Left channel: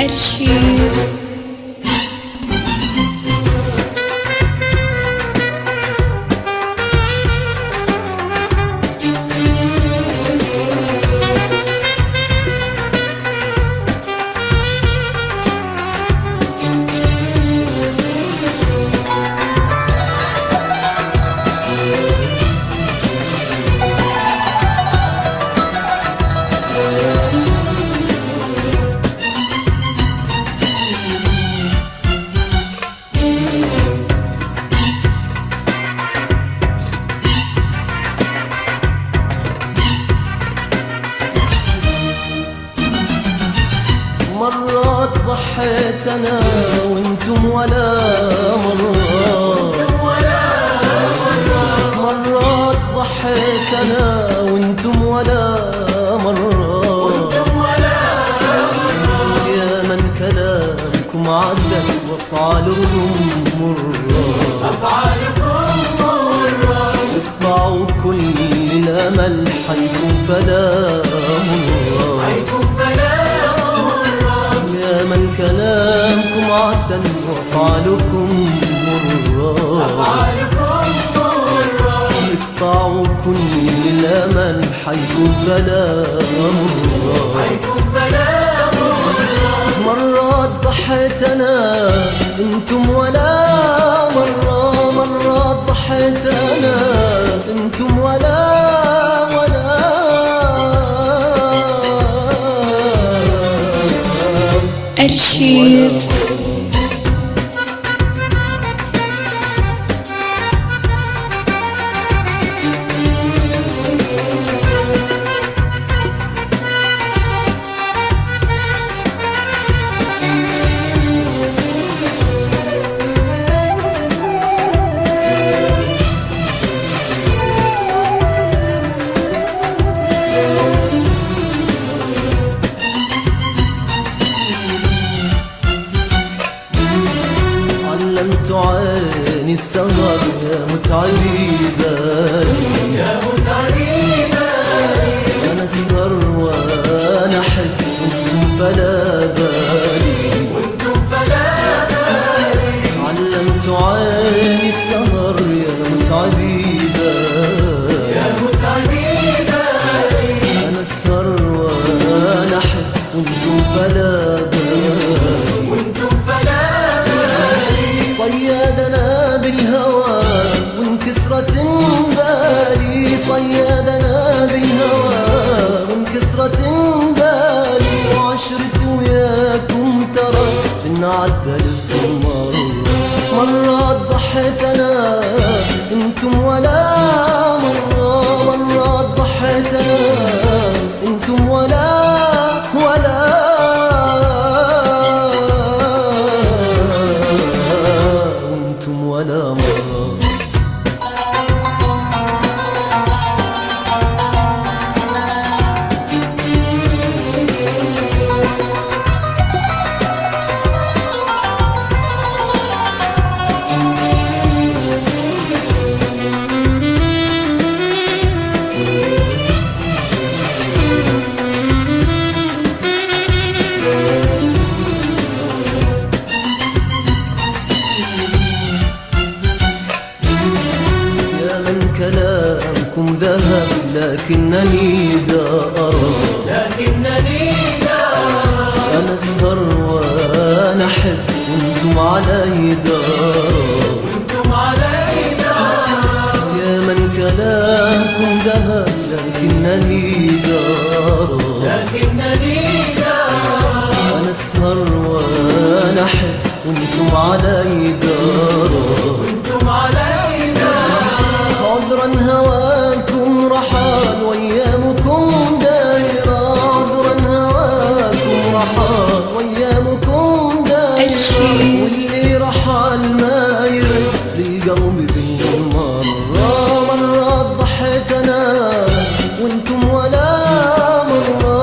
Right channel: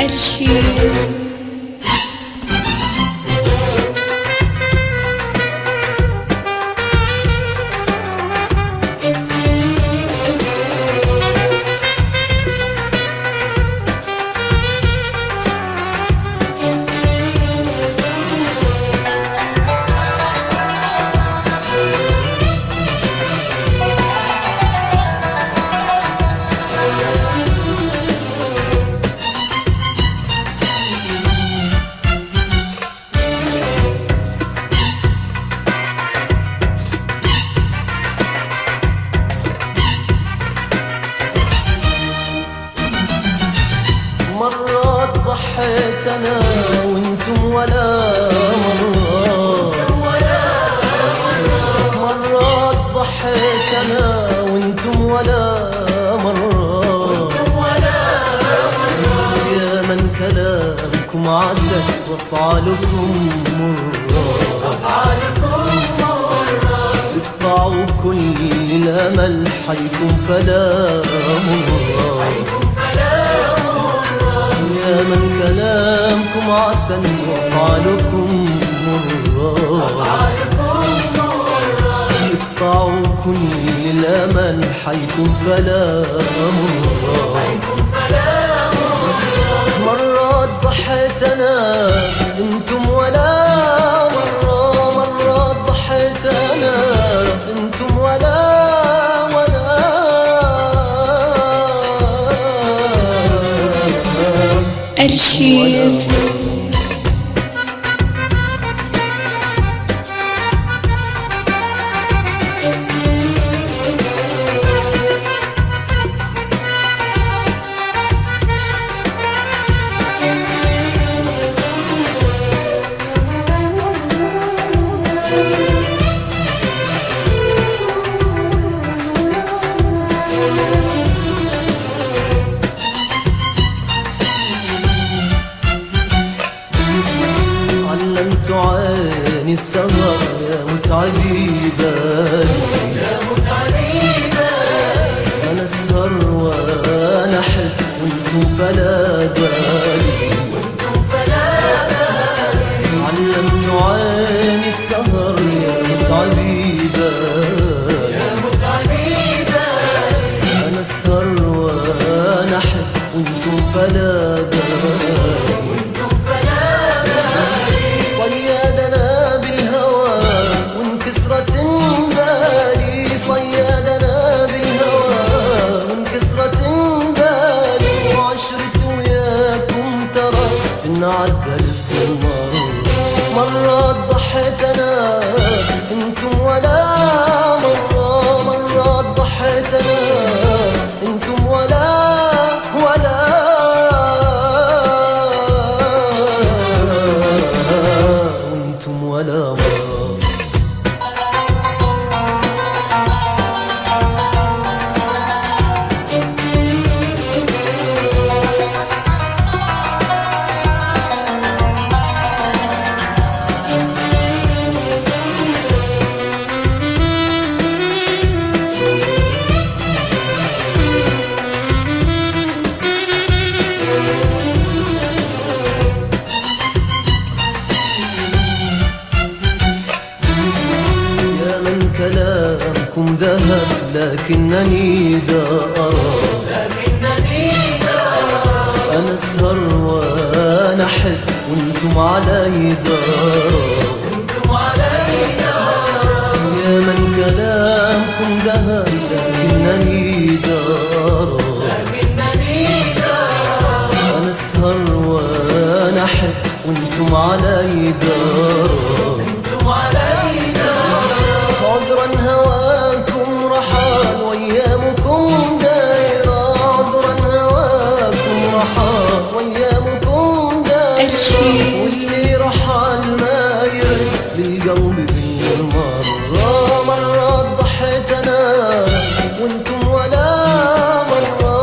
أرشيف. مرات ضحيت أنا وانتم ولا مرات ضحيت أنا وانتم ولا مرة يا من كلامكم عسل وافعالكم مرة اقطعوا كل الأمل حيكون فلا يا من كلامكم عسل وافعالكم مرة اقطعوا كل الامل حيكون فلا مرات ضحيت انا انتم ولا مرات ضحيت انا انتم ولا أرشيف. علمت عيني السهر يا متعبي بالي أنا أسهر وأنا أحب وأنتم فلا بالي علمت عيني السهر يا متعبي بالي أنا أسهر وأنا أحب وأنتم فلا بالي صيادنا بالهوى وانكسرت ندالي صيادنا بالهوى وانكسرت ندالي وعشرت وياكم ترى إن عدى مرات ضحيت أنا انتم ولا مرات ضحيت أنا انتم ولا كلامكم ذهب لكنني أنا أسهر وأنا أحب وأنتم علي يا من كلامكم ذهب لكنني أنا أسهر وأنا أحب وأنتم علي عذرا هواكم رحال وايامكم دايرة عذرا هواكم رحال وايامكم دايرة أرشيف. اللي رحال ما يرد للقوم بالمرة مرات ضحيت أنا وانتم ولا مرة